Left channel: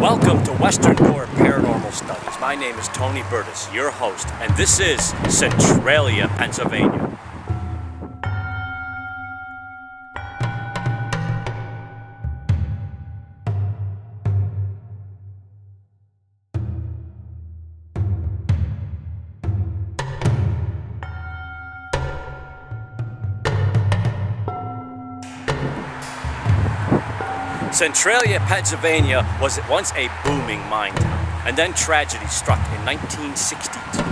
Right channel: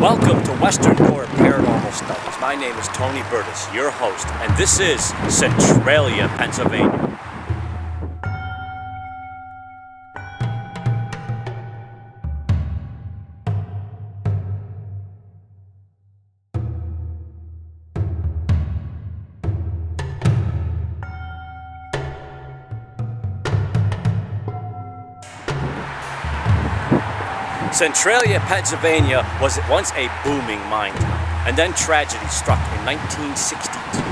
Welcome to Western Door Paranormal Studies. My name is Tony Burtis, your host, and this is Centralia, Pennsylvania. Centralia, Pennsylvania was once a booming mine town, and then tragedy struck in 1962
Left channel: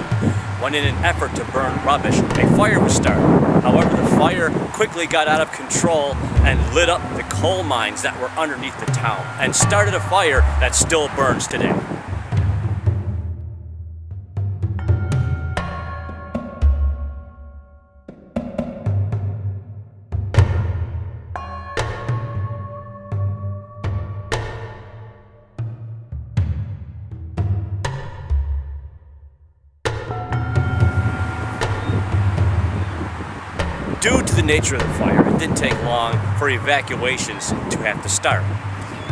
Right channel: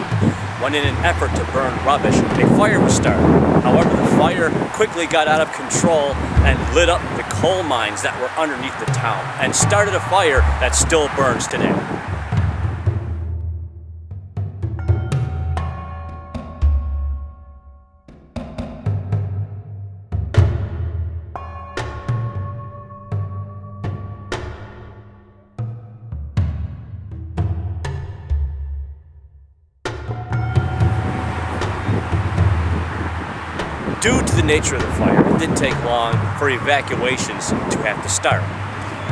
when, in an effort to burn rubbish, a fire was started. However, the fire quickly got out of control and lit up the coal mines that were underneath the town and started a fire that still burns today. Due to the nature of the fire, it didn't take long for evacuations to have to start.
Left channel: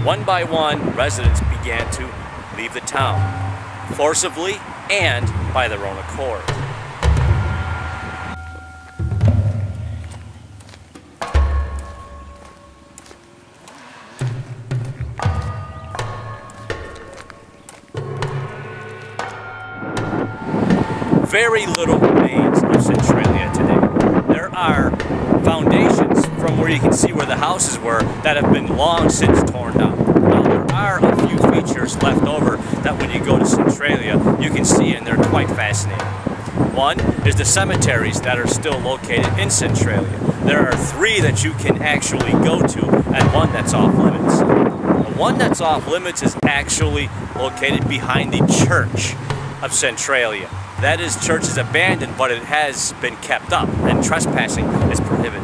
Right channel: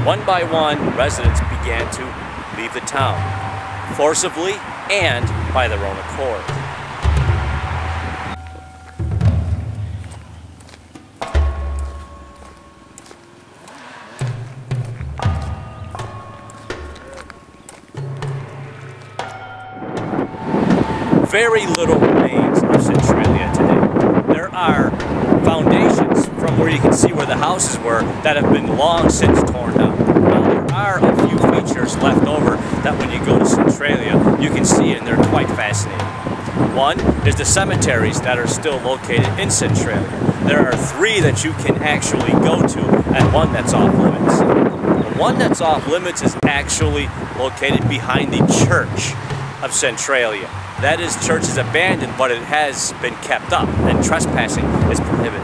One by one, residents began to leave the town, forcibly and by their own accord. Very little remains of Centralia today. There are foundations from where you can see where the houses were that have been long since torn down. Now there are a few features left over that when you go to Centralia you can see, and they're quite fascinating. One is the cemeteries that are still located in Centralia. There are 3 that you can actually go to and one that's off limits. The one that's off limits is actually located behind the church of Centralia. That church is abandoned, but it has been kept up, and trespassing is prohibited.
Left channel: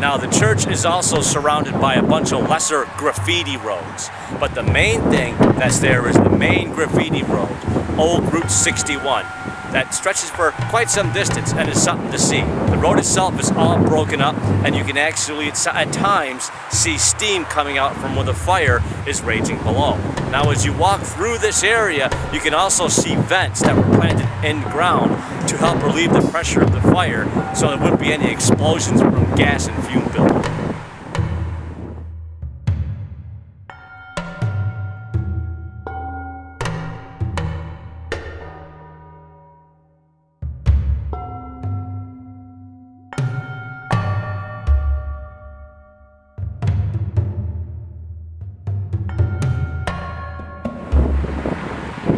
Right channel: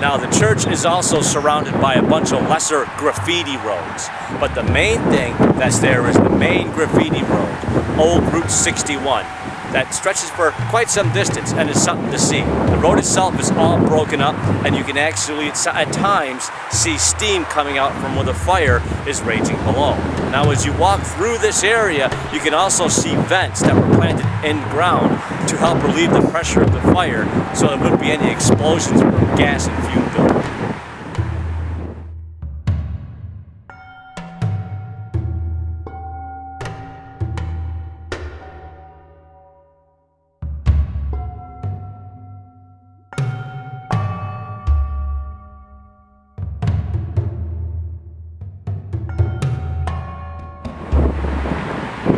Now, the church is also surrounded by a bunch of lesser graffiti roads, but the main thing that's there is the main graffiti road, Old Route 61, that stretches for quite some distance and is something to see. The road itself is all broken up, and you can actually at times see steam coming out from where the fire is raging below. Now, as you walk through this area, you can also see vents that were planted in ground to help relieve the pressure of the fire so there wouldn't be any explosions from gas and fume buildup.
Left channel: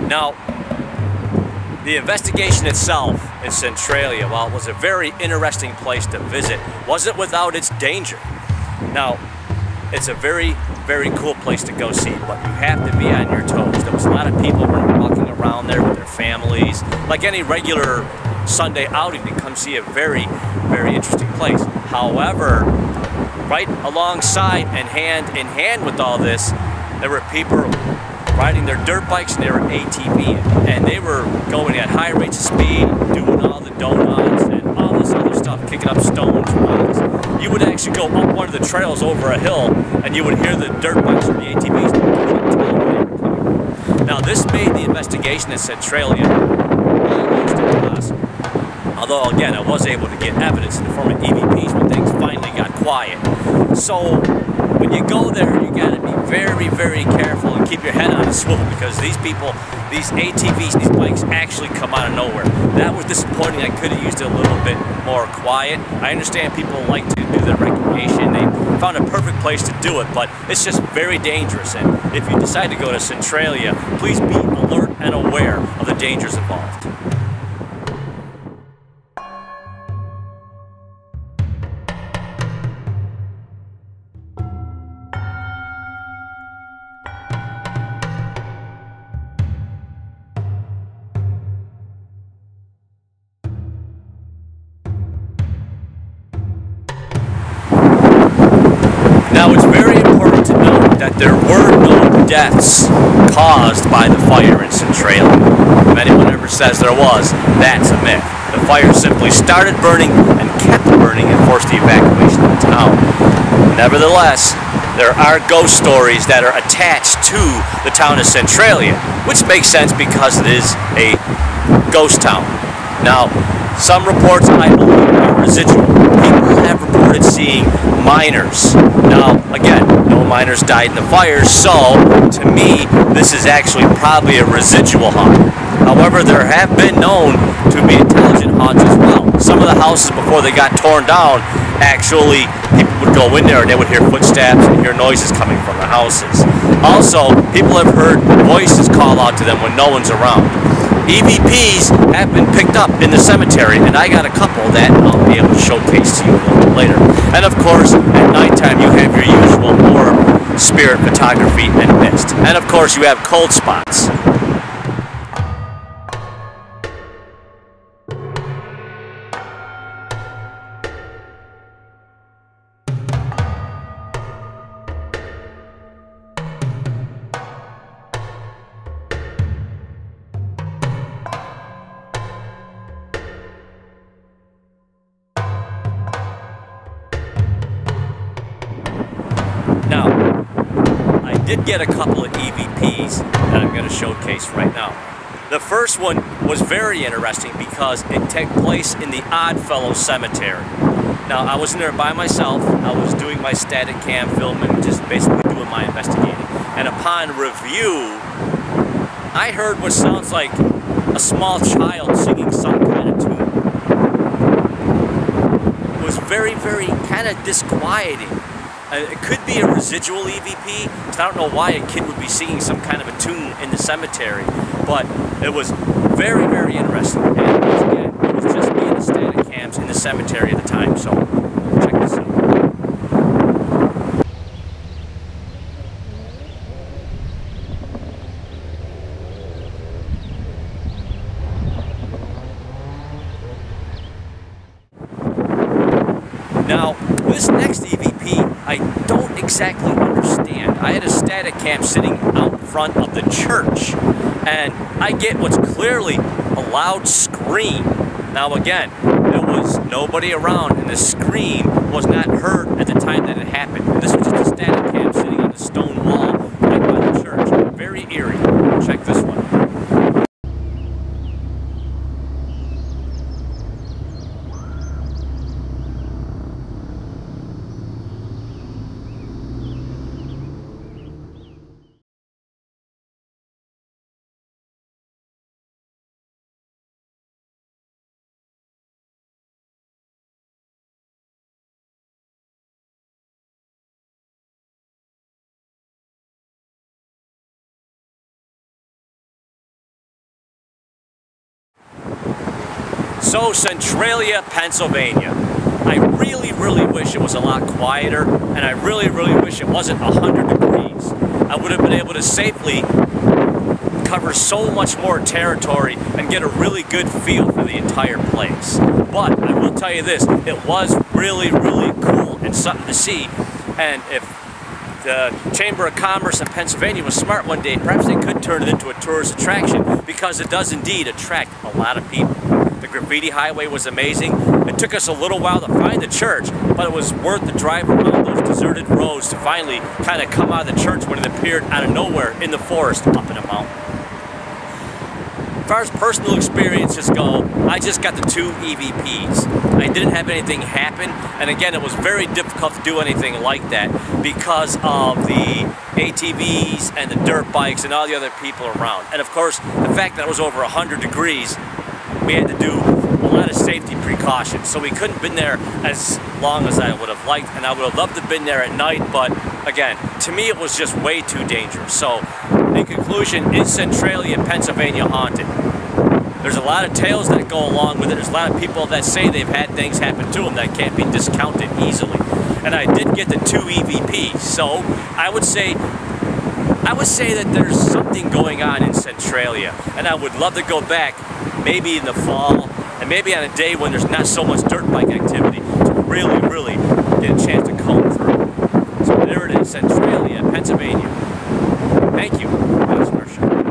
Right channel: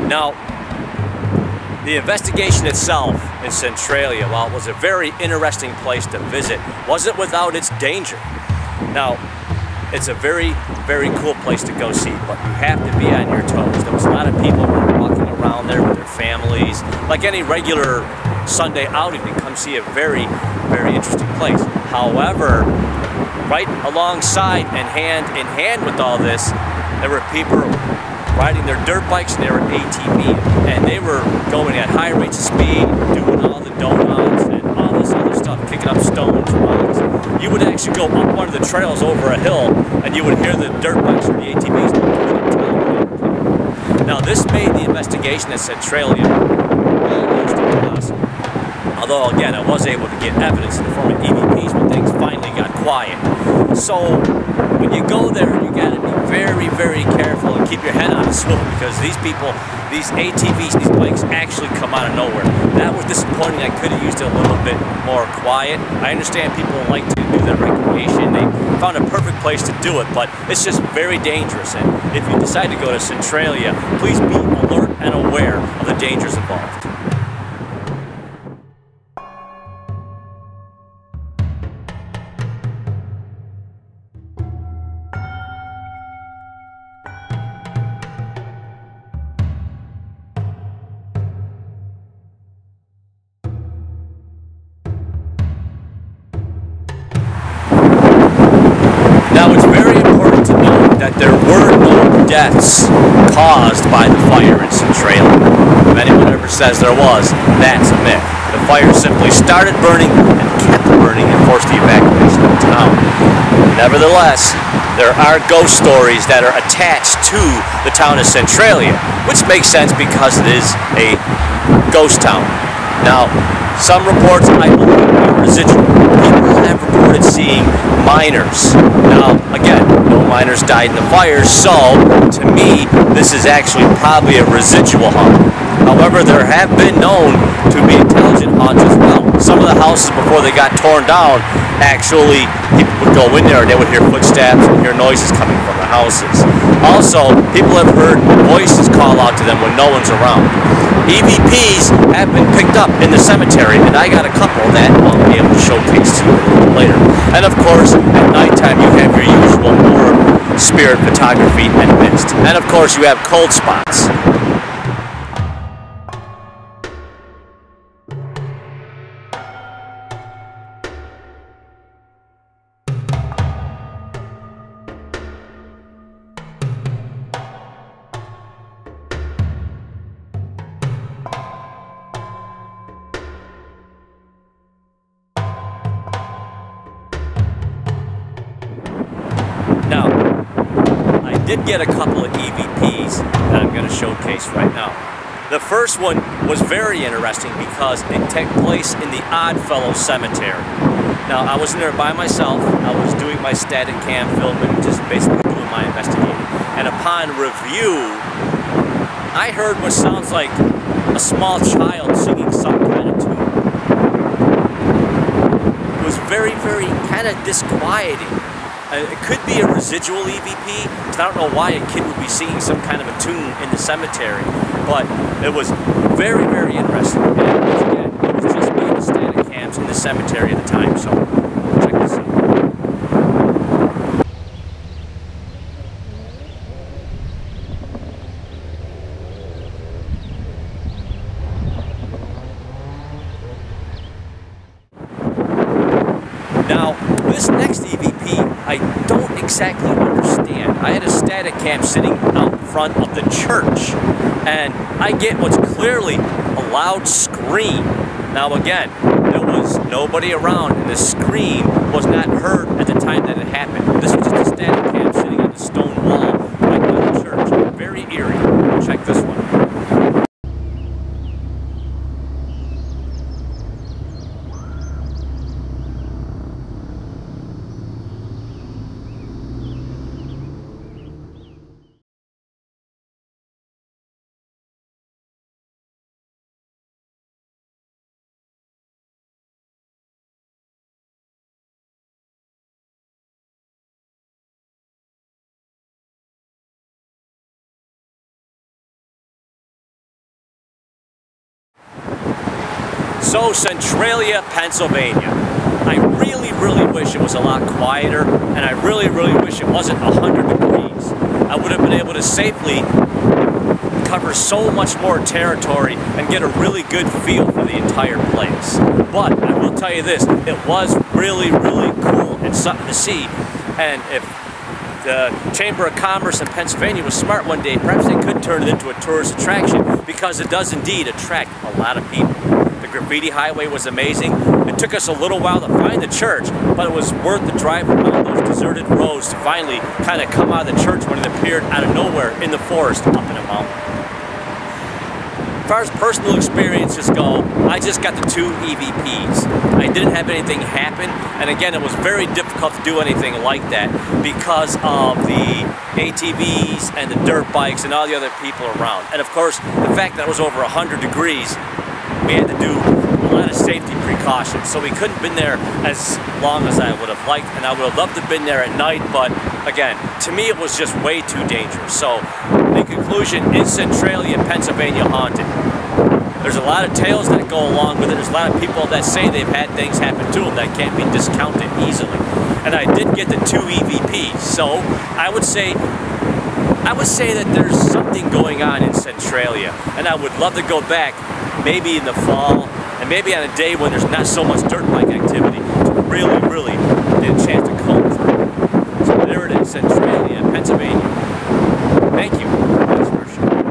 Now, the investigation itself in Centralia, while it was a very interesting place to visit, wasn't without its danger. Now, it's a very, very cool place to go see, but you have to be on your toes. There was a lot of people walking around there with their families, like any regular Sunday outing to come see a very, very interesting place. However, right alongside and hand in hand with all this, there were people riding their dirt bikes and they were ATVing, and they were going at high rates of speed, doing all the donuts and all this other stuff, kicking up stones, rocks. You would actually go up one of the trails over a hill and you would hear the dirt bikes or the ATVs, but you couldn't tell where they were coming from. Now, this made the investigation at Centralia almost impossible. Although, again, I was able to get evidence in the form of EVPs when things finally got quiet. So when you go there, you got to be very, very careful and keep your head on a swivel, because these people, these ATVs, these bikes actually come out of nowhere. That was disappointing. I could have used it a little bit more quiet. I understand people like to do their recreation. They found a perfect place to do it, but it's just very dangerous. And if you decide to go to Centralia, please be alert and aware of the dangers involved. Now, it's very important to note that there were no deaths caused by the fire in Centralia. If anyone ever says there was, that's a myth. The fire simply started burning and kept burning and forced the evacuation of the town. Nevertheless, there are ghost stories that are attached to the town of Centralia, which makes sense because it is a ghost town. Now, some reports, I believe, are residual. People have reported seeing miners. Now, again, no miners died in the fires, so to me, this is actually probably a residual haunt. However, there have been known to be intelligent haunts as well. Some of the houses before they got torn down, actually, people would go in there and they would hear footsteps and hear noises coming from the houses. Also, people have heard voices call out to them when no one's around. EVPs have been picked up in the cemetery, and I got a couple that I'll be able to showcase to you a little bit later. And of course, at nighttime you have your usual orb, spirit photography, and mist. And of course you have cold spots. Now, I did get a couple of EVPs that I'm going to showcase right now. The first one was very interesting because it took place in the Oddfellows Cemetery. Now, I was in there by myself. I was doing my static cam filming, just basically doing my investigating. And upon review, I heard what sounds like a small child singing some kind of tune. It was very, very kind of disquieting. It could be a residual EVP, because I don't know why a kid would be singing some kind of a tune in the cemetery, but it was very, very interesting. And once again, it was just me and the static cams in the cemetery at the time, so check this out. Now, this next EVP, I don't exactly understand. I had a static cam sitting out front of the church, and I get what's clearly a loud scream. Now again, there was nobody around, and the scream was not heard at the time that it happened. And this was just a static cam sitting on the stone wall right by the church. Very eerie. Check this one out. So, Centralia, Pennsylvania. I really, really wish it was a lot quieter, and I really, really wish it wasn't 100 degrees. I would have been able to safely cover so much more territory and get a really good feel for the entire place. But I will tell you this, it was really, really cool and something to see. And if the Chamber of Commerce in Pennsylvania was smart one day, perhaps they could turn it into a tourist attraction, because it does indeed attract a lot of people. The graffiti highway was amazing. It took us a little while to find the church, but it was worth the drive around those deserted roads to finally kind of come out of the church when it appeared out of nowhere in the forest up in a mountain. As far as personal experiences go, I just got the 2 EVPs. I didn't have anything happen, and again, it was very difficult to do anything like that because of the ATVs and the dirt bikes and all the other people around. And of course, the fact that it was over 100 degrees, we had to do a lot of safety precautions. So we couldn't have been there as long as I would have liked, and I would have loved to have been there at night, but again, to me it was just way too dangerous. So, in conclusion, is Centralia, Pennsylvania haunted? There's a lot of tales that go along with it. There's a lot of people that say they've had things happen to them that can't be discounted easily. And I did get the 2 EVPs, so I would say that there's something going on in Centralia, and I would love to go back maybe in the fall, and maybe on a day when there's not so much dirt bike activity, to really, really get a chance to comb through. So there it is, Centralia, Pennsylvania. Thank you for watching our show.